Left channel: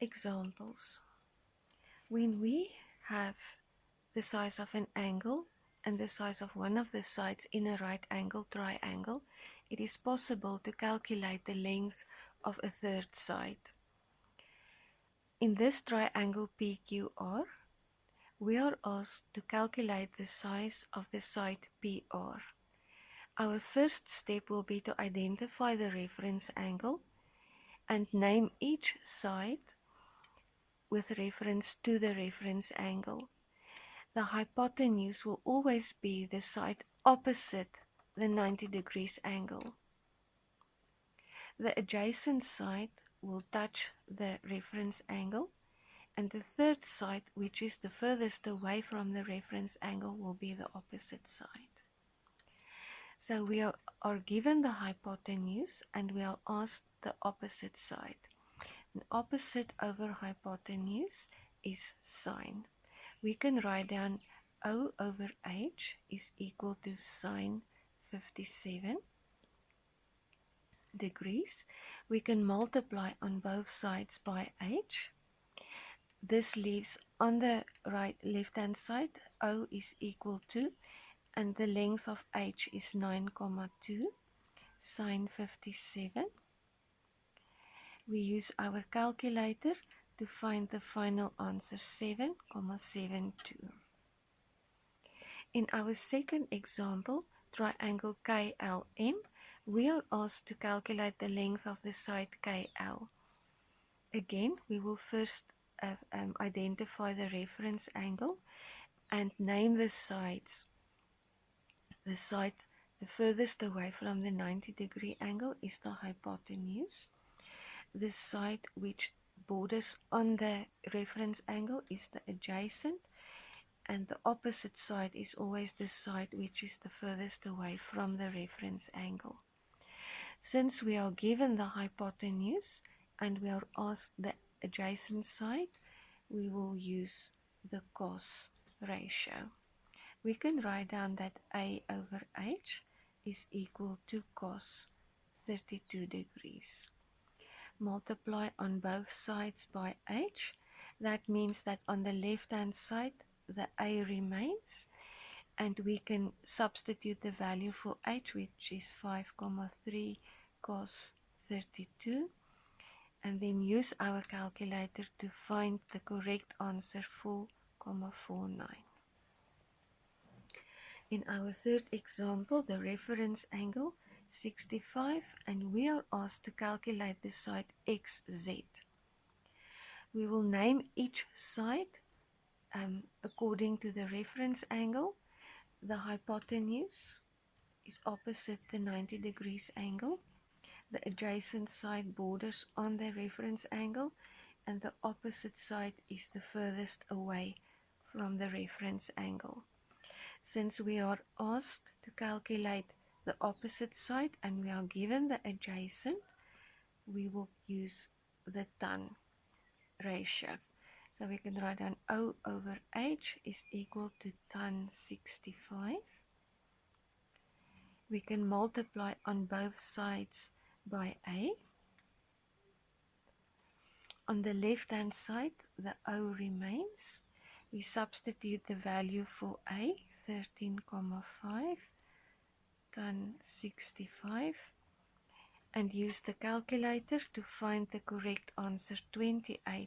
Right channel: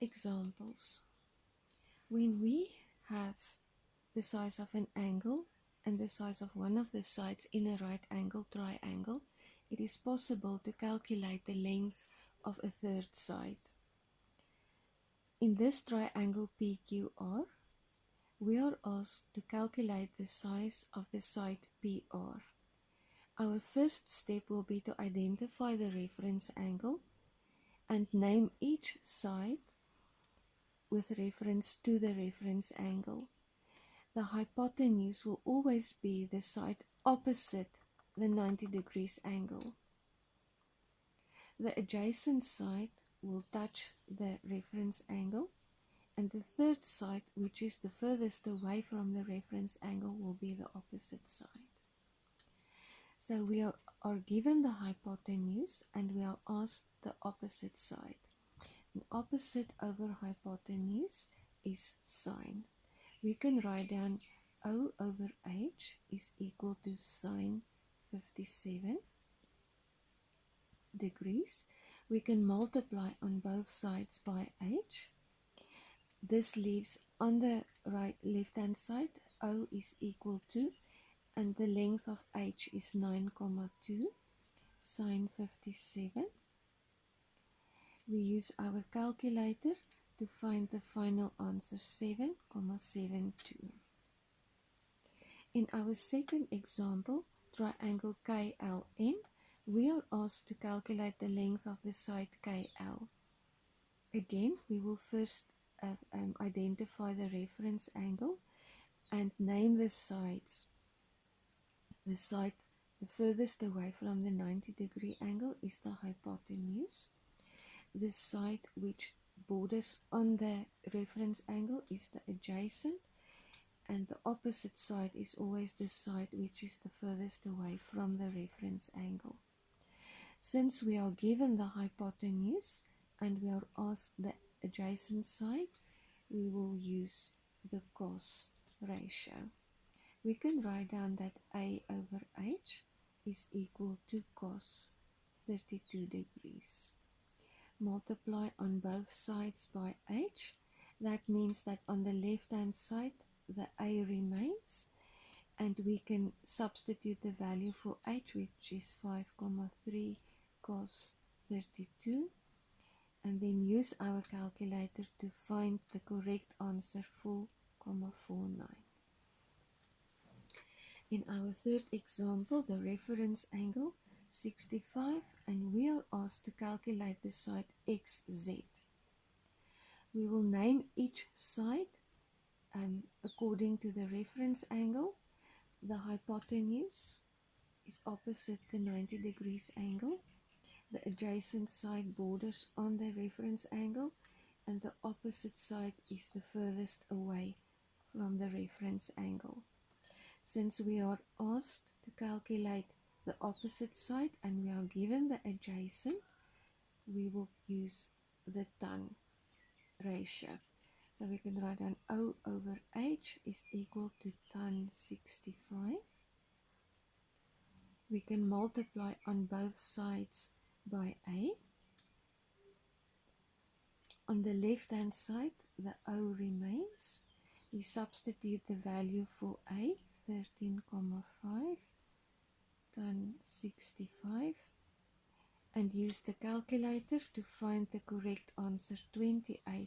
Examples. When we have the size of an angle and the size of one of the sides in a right angle triangle, it is possible to calculate the length of a third side. In this triangle PQR, we are asked to calculate the size of the side PR. Our first step will be to identify the reference angle and name each side with reference to the reference angle. The hypotenuse will always be the side opposite the 90 degrees angle. The adjacent side will touch the reference angle, and the third side, which is the furthest away from the reference angle, will be the opposite side. So we are given the hypotenuse and we are asked the opposite side. And opposite over hypotenuse is sine. We can write down O over H is equal to sine 57 degrees. We can multiply on both sides by H. This leaves on the left-hand side, O is equal to, and the length of H is 9,2 sine 57. We use our calculator to find the final answer, 7,72. In our second example, triangle KLM, we are asked to calculate the length of the side KL. Again, we will first identify the reference angle and name the sides. The side the furthest away from the 90 degree angle is the hypotenuse. The side which borders on the reference angle is the adjacent, and the opposite side is always the side which is the furthest away from the reference angle. Since we are given the hypotenuse and we are asked the adjacent side, we will use the cos ratio. We can write down that A over H is equal to cos 32 degrees. Multiply on both sides by H. That means that on the left hand side the A remains, and we can substitute the value for H, which is 5,3 cos 32, and then use our calculator to find the correct answer, 4,49. In our third example, the reference angle 65, and we are asked to calculate the side XZ. We will name each side according to the reference angle. The hypotenuse is opposite the 90 degrees angle. The adjacent side borders on the reference angle, and the opposite side is the furthest away from the reference angle. Since we are asked to calculate the opposite side and we are given the adjacent, we will use the tan ratio. So we can write down O over H is equal to tan 65. We can multiply on both sides by A. On the left hand side, the O remains. We substitute the value for A, 13,5 tan 65, and use the calculator to find the correct answer, 28,95.